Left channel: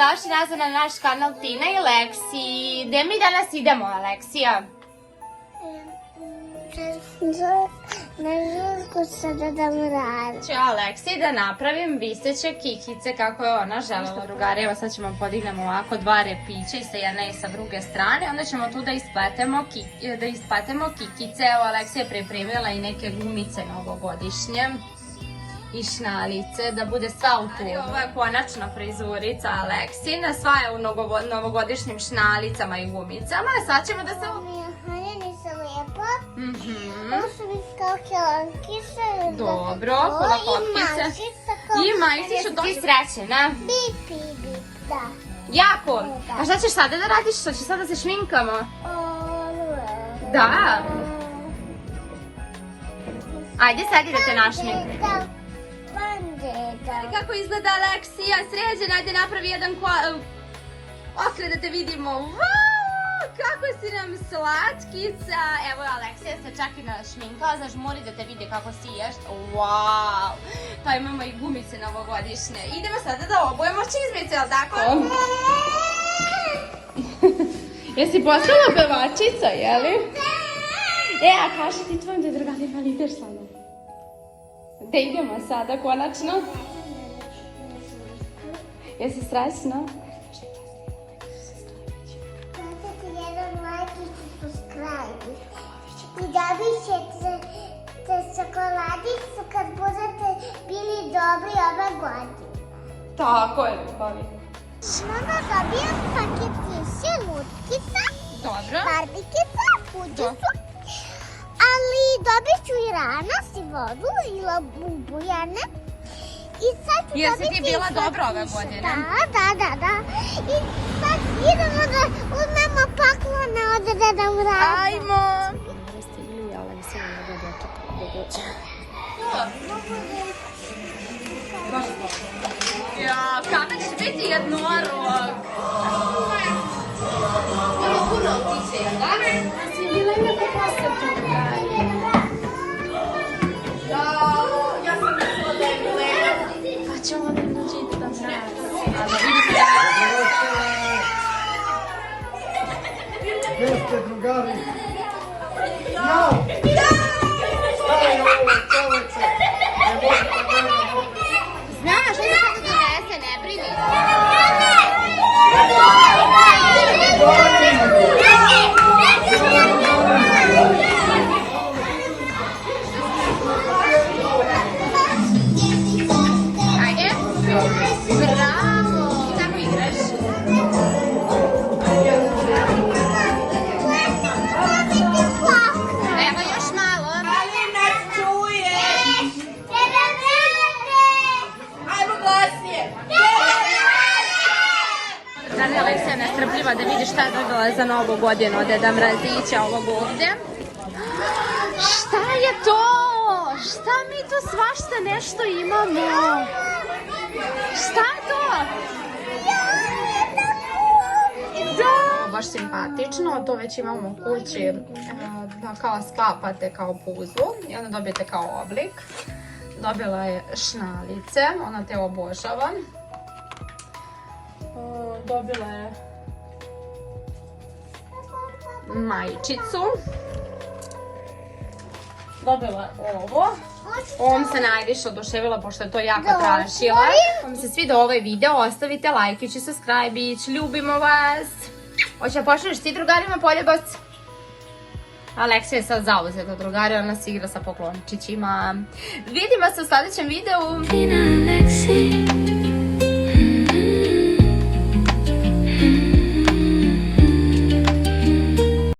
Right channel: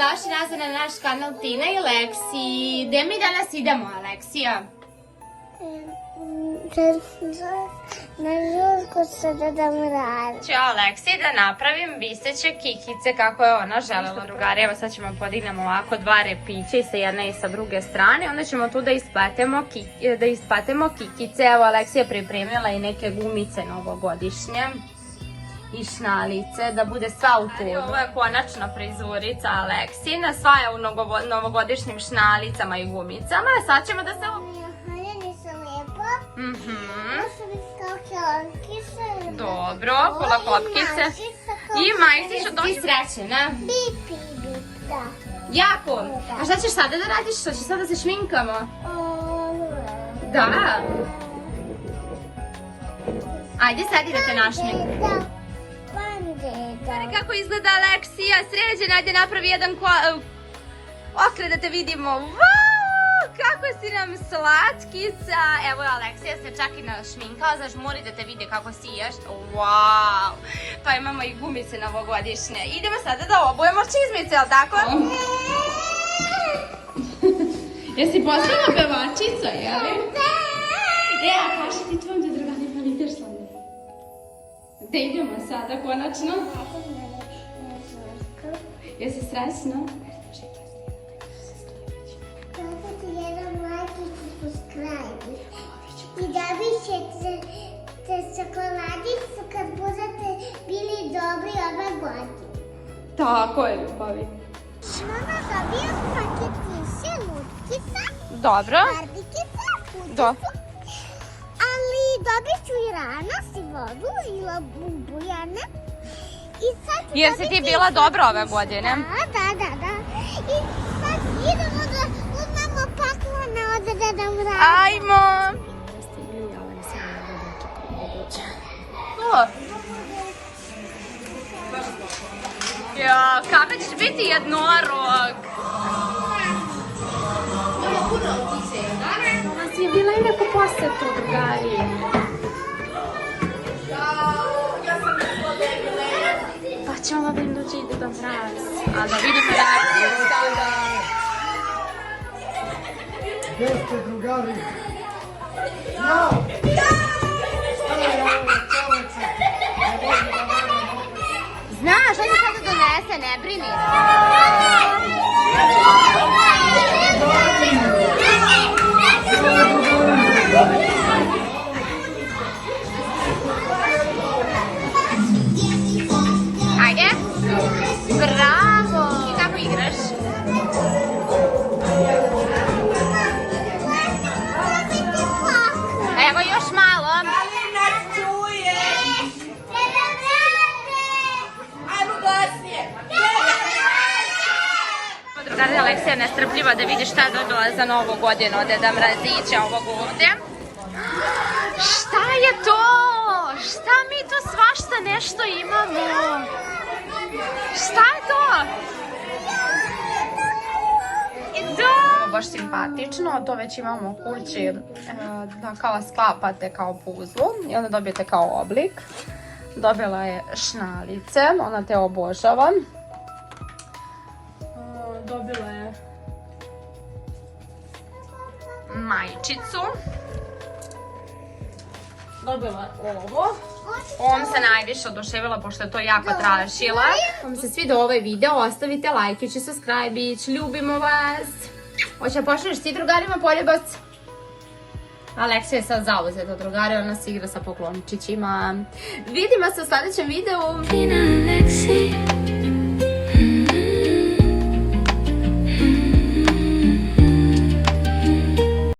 dobrodošli nazad na naš kanal Tina i Leksi. Gde mi danas idemo, Aleksija? Na žurku sa Dedom Mrazom. Ću Aleksiji da napravim viseće kikice kako je ona želela, drugari. Evo sad ćemo podignemo ovako dva repića i sa jedne i sa druge strane. Onda ćemo tu da isplatemo kikice. Evo Aleksija je pripremila i neke gumice novogodišnje i šnalice, da bude sva u tu. Ovo je konačna prizurica Aleksina, sva je u novogodišnjim šnalicama i gumicama. Sad ćemo da se... Haljeni su lijepo. Ovo su mi kao kelonkice. Dobro, hula hopkice. I majice ću doći srećena. Bip, bip, da. Jako? A šta ćeš sada da radiš? Šta ćeš sada da se šminkamo? Da. Ajde sad da te našminkamo. Kako izgleda Aleksija, sređena, ajde napravi jedan okret da te vidimo. Wow, kako si nam slatkica. Evo Aleksija se čak i našminkala, zažmuri da te vidi kako siješ. Wow, pa imamo i gumice novogodišnje. Idemo sada da obujemo čizmice, jel tako? Jesi postala pevačica, jeli? A kaži ti tvojom da drugarima ideš sa mnom. Gde idemo sada, konačno? Jesi stresna? Kliknite jedan like i subscribe. I dobit ćete čokoladicu kad budete bili dobri ove godine. Tako je, bolje. Mama dobija paket više lutkica, Dobro. barbikica, pudicu. Ali dobit ću i ranas i vodu i bujane. I sad ću Jesi ti dobiti bila i dobra ove slatkiše. godine? Da. I sad idemo da uzmemo paklone od Deda Mraza. Ajmo! Ja, kada ćeš biti jednorog? Puno otiče, da? Danas je bila i neko poseta, drugari. Ja sam mislila da je Milena. Pa ćemo vam da vidite da mraz. A da vidite da Gdje ste, drugari? Jao! znaš da će donese, ne brini. Ajde. Bravo. Kako igraš? Evo još malo. Ali ne čujem. Ajmo glasnije. Drugari, Aleksija je nestrpljiva da vidi šta je dobila za novu godinu od Deda Mrazića ovde. Šta je to? Šta mi tu svašta nešto imamo? Šta je to? Da! Baš simpatično, to već imamo u kući, da kao sklapate kao puzlu i onda dobijete kao oblik. Dobila je šnalice, ona te obožava. Dobila je majčicu. Dobila ovo. Ovom se najviše oduševila pošto je to jako tražila. Ako vam se svidio ovaj video, ostavite lajkić i subscribe-ić. Ljubimo vas. Hoće da pošliš ti drugarima poljubac? Aleksija je sad zauzeta drugari, ona se igra sa poklončićima. Vidimo se u sljedećem videu.